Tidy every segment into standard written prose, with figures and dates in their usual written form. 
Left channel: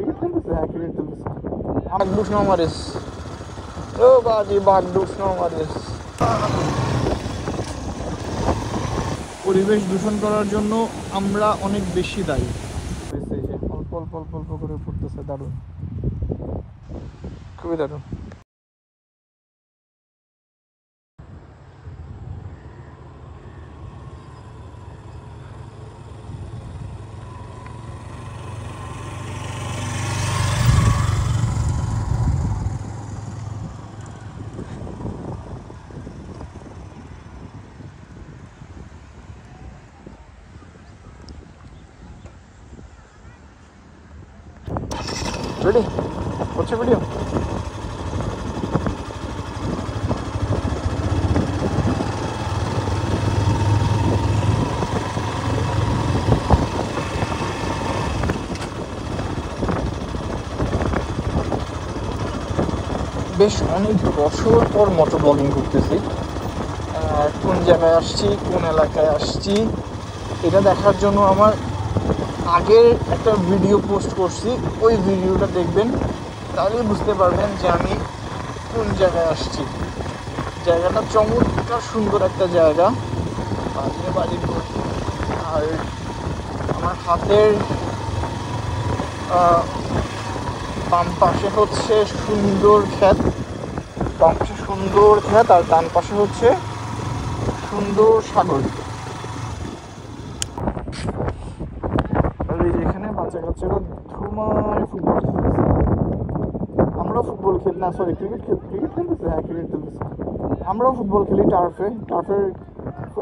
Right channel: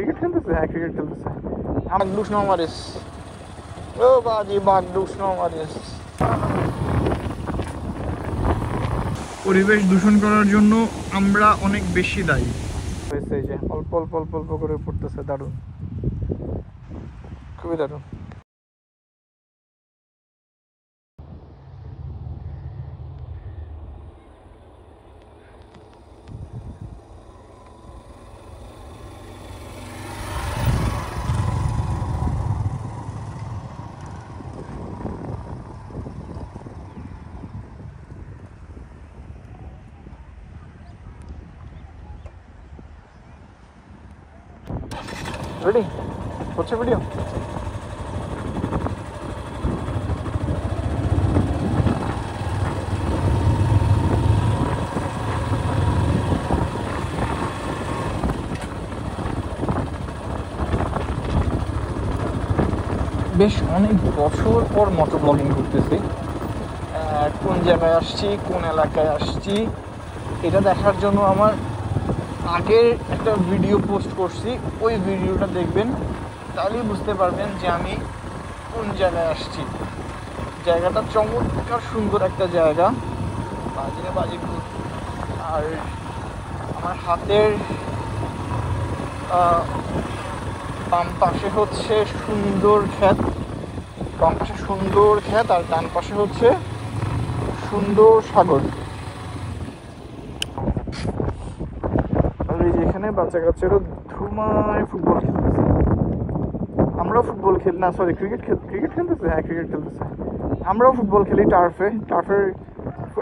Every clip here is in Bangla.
ক্রিকেট খেলতেছে? হ্যাঁ, ক্রিকেট খেলতেছে। আমার দুষ্ণ মারিস, ও বাজি বাঘ দুষ্ণ মারিস। পরিবেশ দূষণ করার জন্য আমরা অনেক বেশি দায়ী হয়েছে। এই যে অল্প অল্প অল্প অল্প করে পড়তেছে, দারুণ, খুবই দারুণ। রেডি হচ্ছে ভিডিও? বেশ অনেক বছর পর মোটর ব্লগিং করতেছি। কোন জায়গায় আসছি, কোন এলাকায় আসছি, এটা দেখার জন্য আমার আগের একটা ভিডিও পোস্ট করছি, ওই ভিডিওটা দেখবেন, তাহলেই বুঝতে পারবেন যে আমি কোন জায়গায় আসছি। জায়গাটা চমৎকার সুন্দর একটা জায়গা, বাজিরে বাজির। আর আমার হাতের বাম পাশে হচ্ছে সুন্দর ক্ষেত, বাম পাশে সুন্দর ক্ষেত, আর ডান পাশে হচ্ছে সুন্দর সাগর। আর এই যে এখানে বাচ্চা কাচ্চারা ধুমায় ফুটবল খেলতেছে। আমরাও ফুটবল খেলি, না সরি ক্রিকেট খেলতেছে। হ্যাঁ, ক্রিকেট খেলতেছে। আমরাও ফুটবল খেলি টার্ফের।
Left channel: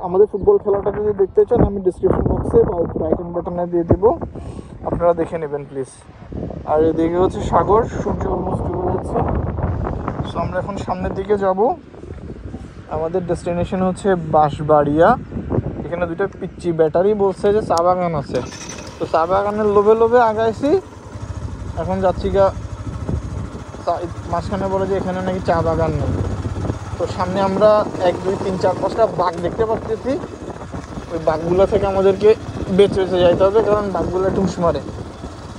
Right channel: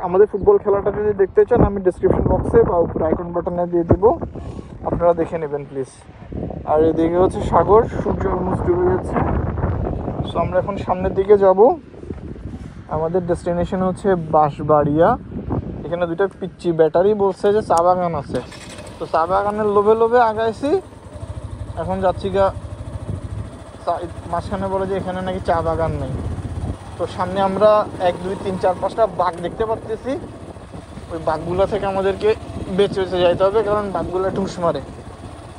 আমাদের ফুটবল খেলাটা যদি দেখতে চান, আমি ডিসক্রিপশন বক্সে বা উপরে আইকন বাটনে দিয়ে দেবো, আপনারা দেখে নেবেন প্লিজ। আর এদিকে হচ্ছে সাগর, সূর্য অলমোস্ট ডুবে যাচ্ছে। সো আমরা এখন সামনের দিকে যাব। আমাদের ডেস্টিনেশন হচ্ছে বাঁশবাড়িয়া। এখানে দুটো পিচ্চি ব্যাটারি বলছে যে চা বাগান আছে, তো চা বাগানের লোভে লোভে আগাইছি। এখন যাচ্ছি গা, মাঝখানে বলে যে এখানে নাকি চা বাগান নেই। তো সামনে আমরা 1 2 3 4 5টা বাঘ দেখতে পাচ্ছি। ওই বাঘগুলো থেকে আমাদেরকে বেঁচে যাইতে হবে, কারণ বাঘগুলো ঢুস মারে।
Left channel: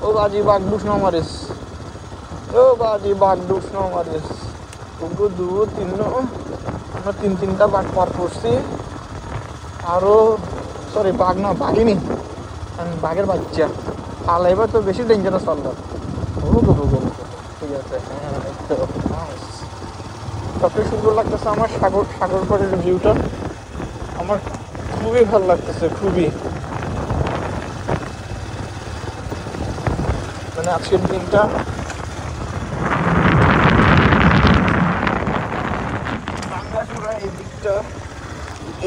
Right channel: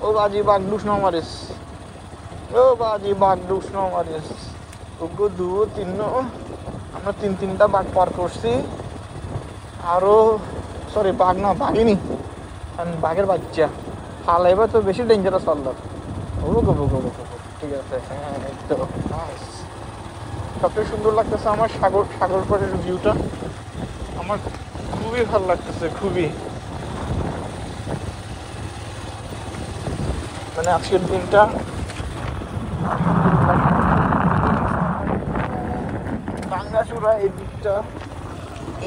ও বাজি বাঘ ঢুস না মারিস, ও বাজি বাঘ ঢুস না মারিস। ওগো 2 3, আমরা 3টা বাঘ পার করছি। আরও সরি বাঘ না, বাঘিনি, বাঘের বাচ্চা পালাইবা তো বেশি ডেঞ্জারাস পারলাম। ঠিক আছে, হ্যাঁ তো নাইস। সবচেয়ে সুন্দর লাগতেছে আমার সাগর পাড়ের ভিউটা, আমার খুবই ভালো লাগতেছে, খুবই। মানে আজকের দিনটা বাঙ্গাচূড়া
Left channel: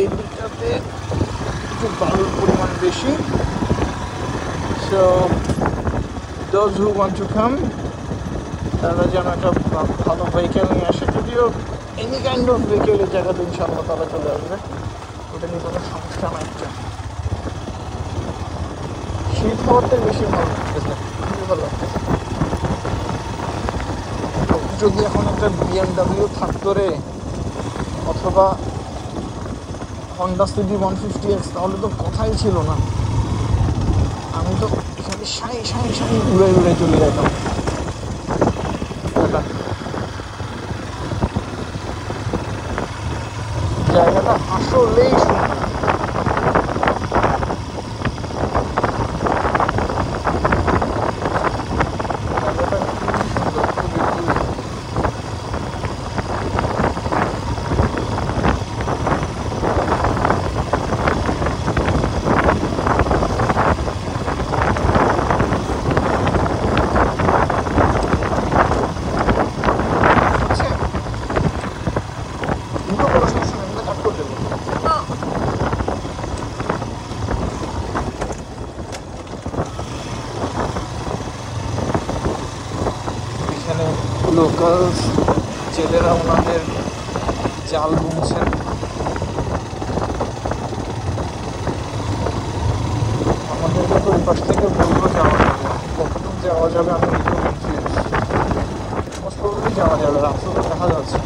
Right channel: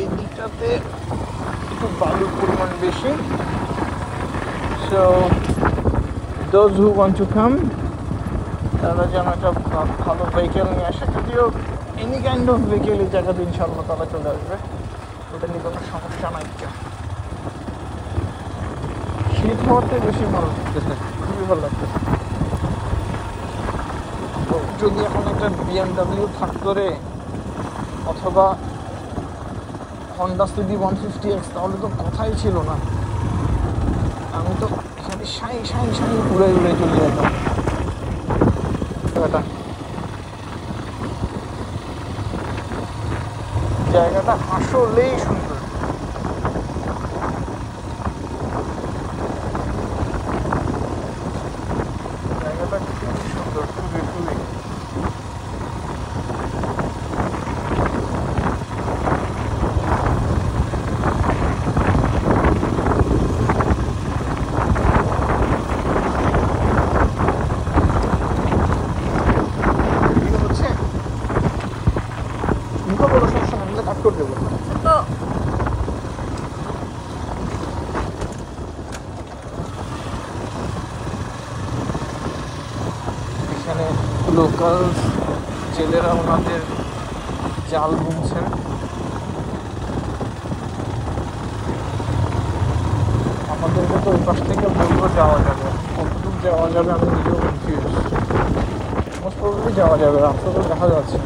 এই দিকটাতে একটু বালুর পরিমাণ বেশি। So those who want to come, তারা যেন একটা ভালো ভেহিকেল নিয়ে আসে। যদিও এনি কাইন্ড অফ ভেহিকেলের জায়গাতে ইনশাআল্লাহ তারা চলে আসবে, ওটা নিয়ে কোনো সমস্যা নাই। শীত হওয়াতে বেশি ভালো লাগতেছে, খুবই ভালো লাগতেছে। যদি এখন একটা BMW থাকতো রে, অথবা হন্ডা সিডি 150X, তাহলে তো কথাই ছিল না। আমি তো এখানে সাই উড়ে চলে যেতাম। জায়গাটা আসলেই সুন্দর। জায়গাটা খুবই সুন্দর, খুবই। এখানে লোকাল ছেলেরা ওনাদের জাল বুনছেন। আমাদেরকে তো ওই পাশ থেকে বলবো যাওয়া যাবে, কতটুকু যাওয়া যাবে আমি ওইগুলো কনফিউজ। মোস্ট প্রবলি যাওয়া যাবে, রাস্তা তো দেখা যাচ্ছে।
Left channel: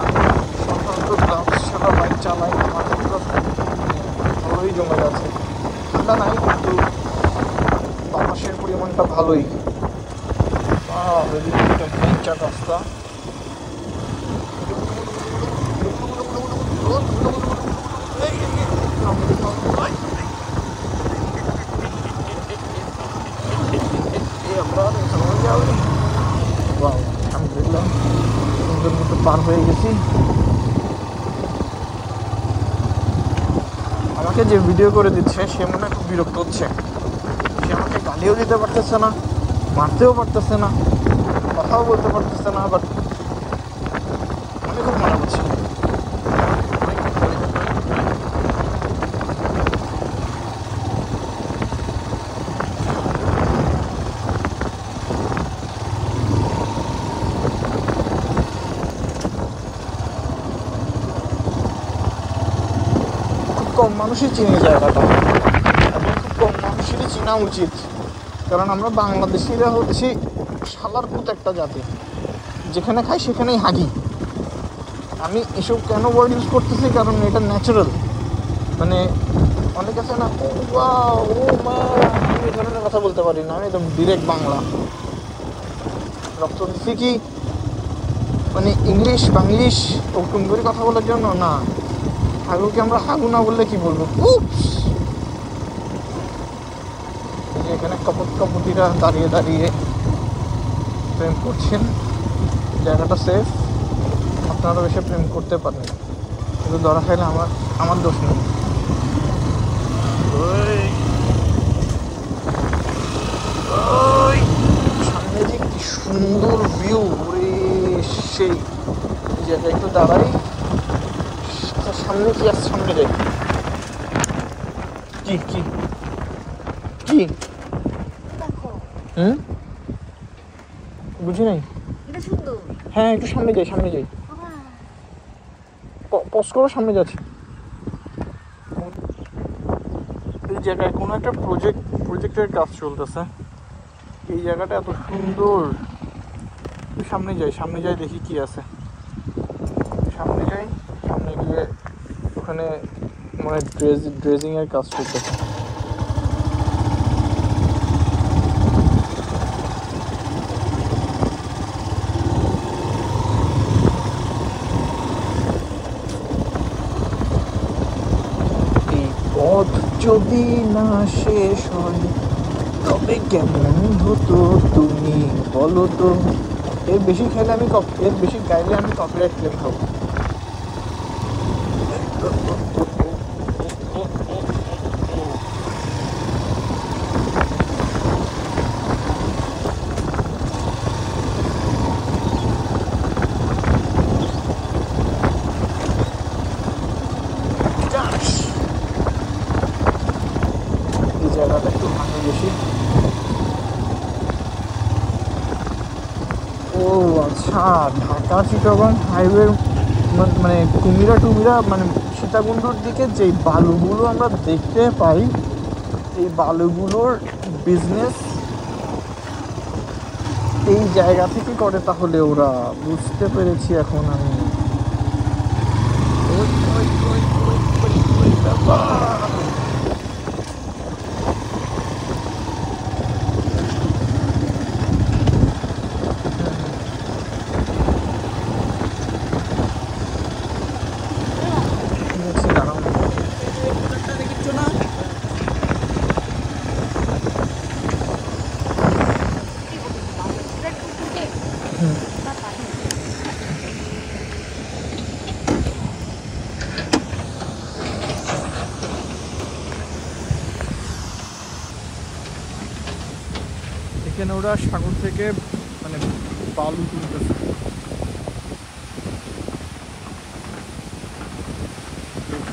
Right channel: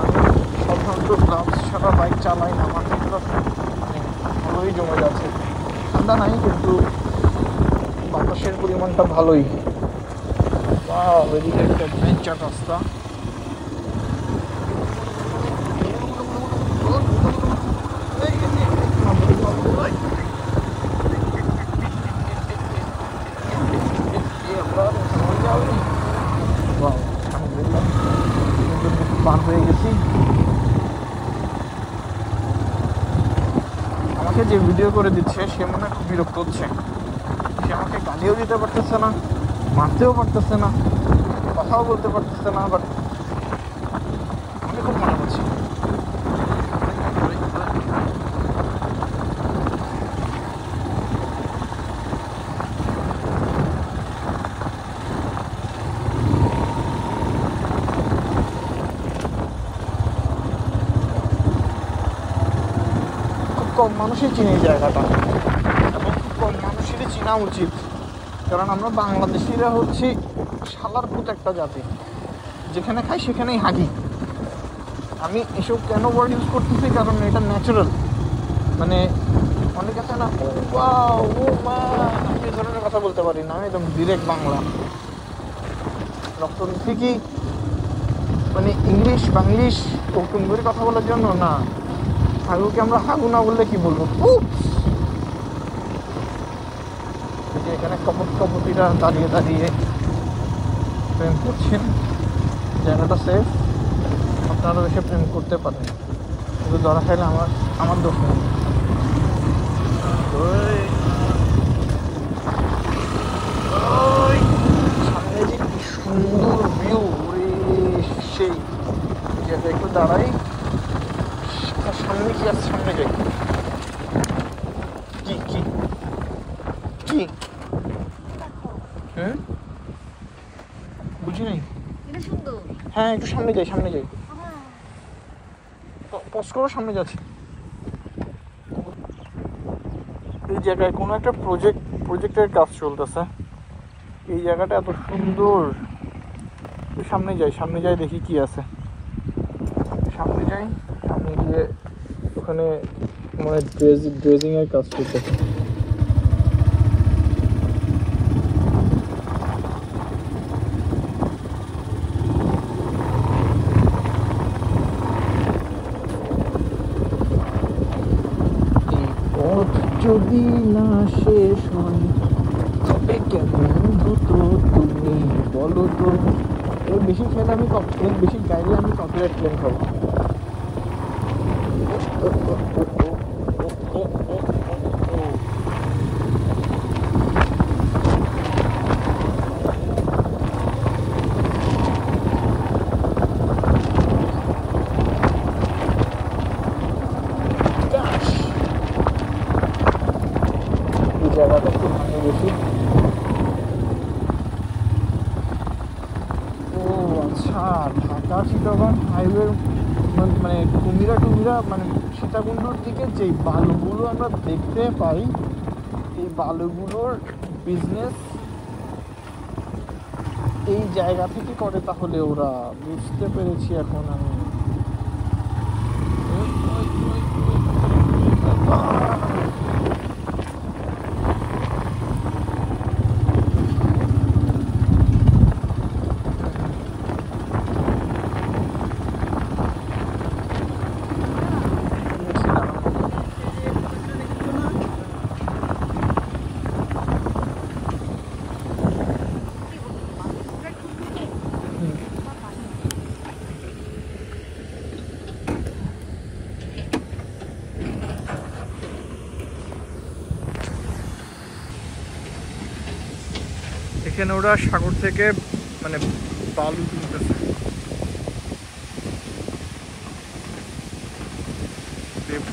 আমি সাধারণত গ্লাভস ছাড়া বাইক চালাই, আমার হাতটা মানে ভালোই জমে যাচ্ছে। ঠান্ডা নাই, কিন্তু বাতাস বাঁশের পরিমাণটা ভালোই। এদিকে একটা বেঞ্চার রাস্তা। আলহামদুলিল্লাহ সুন্দর মতো পার হয়ে গেছি। আমাকে যে ভিডিও করে দিচ্ছে সে মনে হয় খুব বিরক্ত হচ্ছে। সে আমাকে গালিও দিতে পারতেছে না, মারতেও পারতেছে না, কথাও বলতে পারতেছে না, বাট আমি খুব মজা করছি। কম মানুষই চিনি জায়গাটা, এবং খুব কম মানুষেরই চেনা উচিত, কারণ আমরা বাংলাদেশিরা হচ্ছি শালার পুত একটা জাতি, যেখানে খাই সেখানেই হাগি। আমি এসব কেন ওয়ার্ড ইউজ করতেছি, কারণ এটা ন্যাচারাল। মানে অনেক আছে না, ও মা, আমি এই ধরনের কথা বলতে পারি না। আমি একদম ডিরেক্ট বাংলা রক্ত দিচ্ছি কি মানে ইংলিশ বাংলিশ টুকটুম করে কথা বলার জন্য না। হাগুকে আমরা হাগু না বললে কি বলবো? যে এখানে কপতিরা দাঁড়িয়ে দাঁড়িয়ে প্রেম করছেন, জায়গাটা সেফ, আপনারাও এসে প্রেম করতে পারেন, কিন্তু ধরা খাইলে আমার দোষ নেই। সামনে যে কি সুন্দর ভিউ রে, সেই জায়গায় একটু দাঁড়াই। সামনে কি আর সামনে যাই? কি কি কি বুঝি নাই। হ্যাঁ একটু সামনে যাই, সামনে যাই, পজ করো, সামনে যাচ্ছি। এই জায়গায় কোনো একটা প্রজেক্টের কাজ চলতেছে। এই জায়গাটা এত সুন্দর। সামনে যাই দেখি কি আছে। সামনে যাই, সামনে গিয়ে ওখানে মানে ড্রেজিং এর কাজ চলতেছে। যদি না শেষ হয় তবে কেমন হতো তুমি বলো তো। এর বেশি গাইলে আমি কপিরাইট ক্লেম খাবো। জায়গাটা একটু ভাঙে বেশি। ও আচ্ছা, ঢাকা চিটাগং হাইওয়ে মানে কুমিরা টুমিরা মানে সীতাকুণ্ডর দিকে যে বালুগুলো আমরা দেখতে পাই, এই বালুগুলোর বিজনেস এই জায়গা থেকে করে। তাহলে ওরা বুঝতে পেরেছি এখন আমি। এখানে ওরা সাগর থেকে মানে বালু তুলতেছে।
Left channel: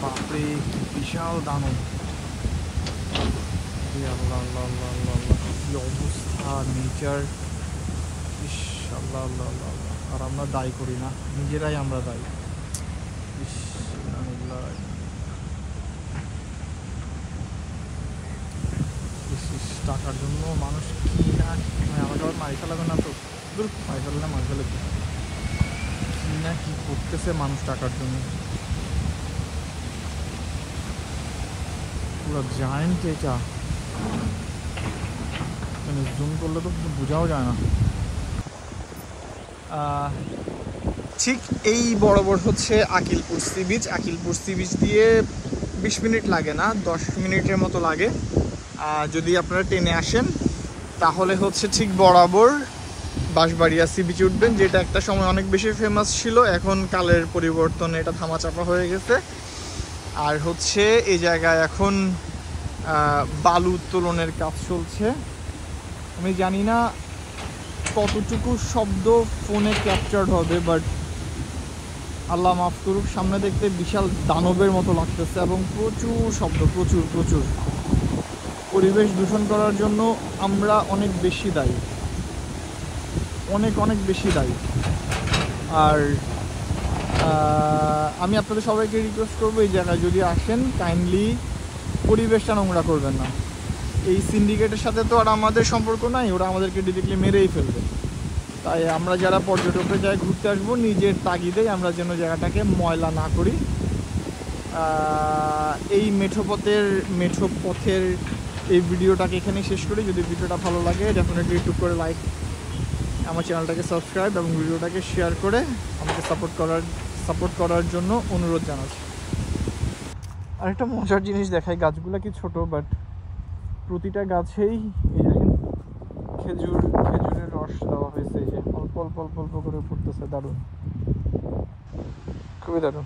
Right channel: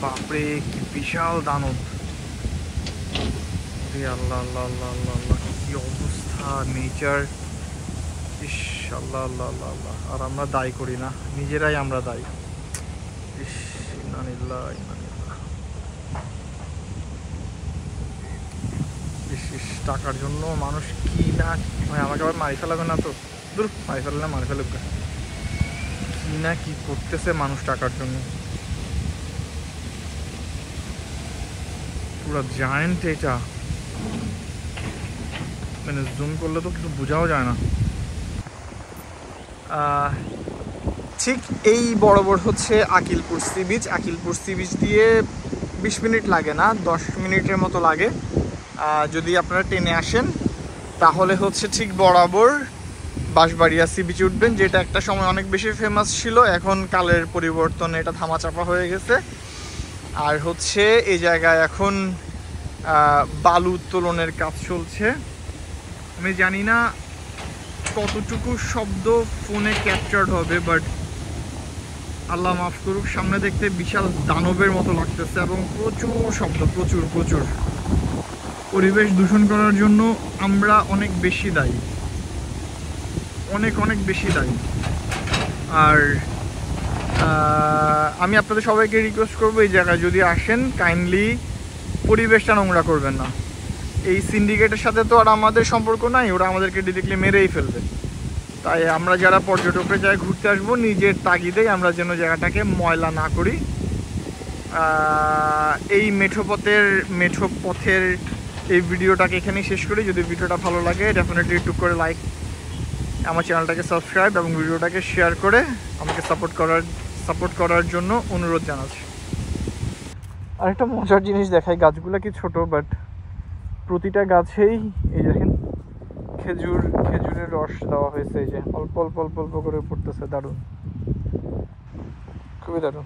বাপরে কি বিশাল দানব! আল্লাহ আল্লাহ আল্লাহ আল্লাহ আল্লাহ, কি অবস্থা নেচার! ইস আল্লাহ আল্লাহ আল্লাহ আল্লাহ। আর আমরা দায়ী করি না, নিজেরাই আমরা দায়ী। ইস ইন্নালিল্লাহ ইন্নালিল্লাহ। ইস টাকার জন্য মানুষ কি না, মানে আমাকে আবার মারি ফেলাবে না তো? দূর, মারি ফেললে মারি ফেলবে। কি না কি করতেছে মানুষ টাকার জন্য। পুরো জায়েন্ট এটা। মানে জুম করলে তো কিছু বোঝাও যায় না। ঠিক এই বরাবর হচ্ছে Akilpur sea beach. Akilpur sea beach দিয়ে 20 মিনিট লাগে না, 10 মিনিটের মতো লাগে। যদি আপনারা ট্রেনে আসেন তাহলে হচ্ছে ঠিক বরাবর বাঁশবাড়িয়া সি বিচে উঠবেন, যেটা একটা সময় অনেক বেশি ফেমাস ছিল, এখন কালের পরিবর্তনে এটা ধামাচাপা হয়ে গেছে। আর হচ্ছে এই জায়গায় এখন বালু উত্তোলনের কাজ চলছে। আমি জানি না কতটুকু শব্দ ফোনে ক্যাপচার্ড হবে, বাট আল্লাহ মাফ করুক, সামনে দেখতে বিশাল দানবের মতো লাগতেছে এবং প্রচুর শব্দ, প্রচুর প্রচুর। পরিবেশ দূষণ করার জন্য আমরা অনেক বেশি দায়ী, অনেক অনেক বেশি দায়ী। আর আমি আপনাদের সবাইকে রিকোয়েস্ট করবো, এই জায়গায় যদি আসেন কাইন্ডলি পরিবেশটা নোংরা করবেন না। এই সিন্ডিকেটের সাথে তো আর আমাদের সম্পর্ক নাই, ওরা আমাদেরকে ডিরেক্টলি মেরেই ফেলবে। তাই আমরা যারা পর্যটকের জায়গায় ঘুরতে আসবো, নিজের তাগিদেই আমরা যেন জায়গাটাকে ময়লা না করি। এই মেঠো পথের এই ভিডিওটাকে এখানেই শেষ করি। যদি ভিডিওটা ভালো লাগে ডেফিনেটলি একটু করে লাইক, আমার চ্যানেলটাকে সাবস্ক্রাইব এবং ভিডিওটাকে শেয়ার করে আমাকে সাপোর্ট করার জন্য অনুরোধ জানাচ্ছি। আরেকটা মজার জিনিস দেখাই, গাছগুলো কি ছোট, বাট প্রতিটা গাছেই এই দেখেন খেজুরের রস দেওয়া হয়েছে। এই যে অল্প অল্প অল্প অল্প করে পড়তেছে, দারুণ, খুবই দারুণ।